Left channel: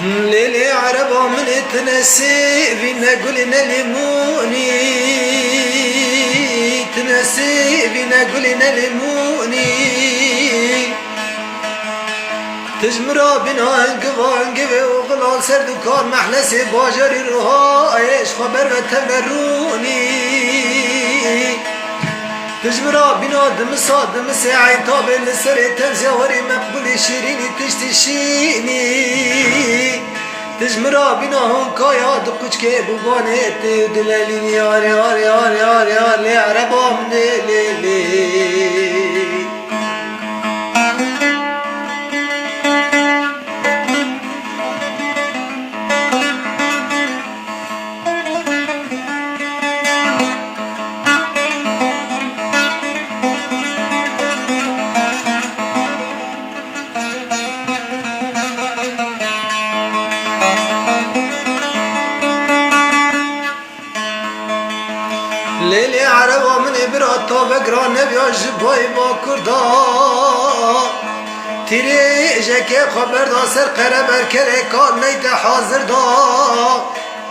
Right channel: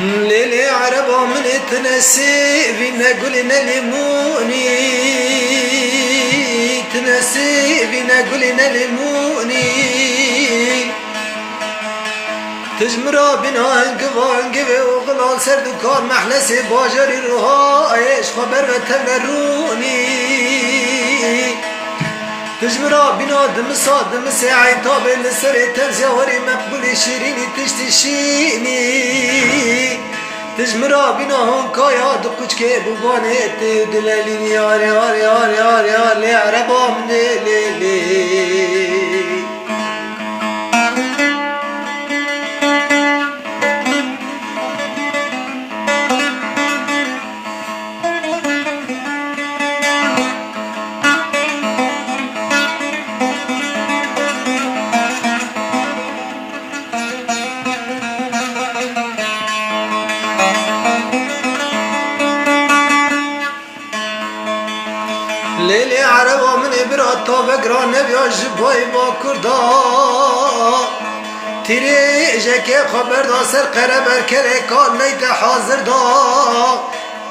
ليلي عربة من تنسيبي نقولنا ليموني تنسيبي نقولنا ليموني تجمرا بنا القبان قبي وغلال سردكار محلسي باجري رهايش خبر بتمروني تجمرا بنا دمسا دمسي عيطابي لسري ترزاوري مقبولي شيريني تشتشيني تجمرا بنا هنكايا دكوش كي ببانيت دلاليني ياري ياري ياري ياري ياري عربا من ليلي ليلي عربة من إبراتا بقرا نبيا جبهي ما كردا تيري جاكي خبر دا سر قرب كريكان نيت حاضر دا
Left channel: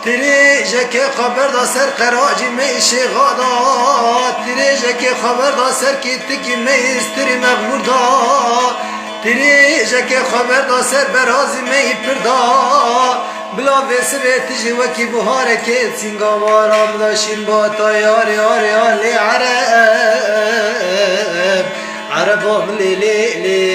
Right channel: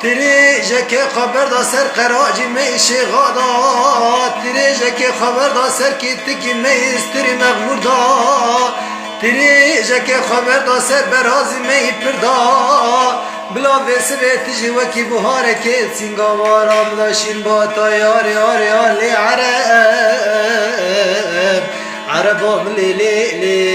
تيري جاكي خبر دا سر قراجي ميشي غادا تيري جاكي خبر دا سر كيتكي ميستري مغمور دا تيري جاكي خبر دا سر برازي مي بردا بلا بسرت جوكي بهارك سينغا مارا بلا شين باتا يار يار يار لي عرب عرب لي لي لي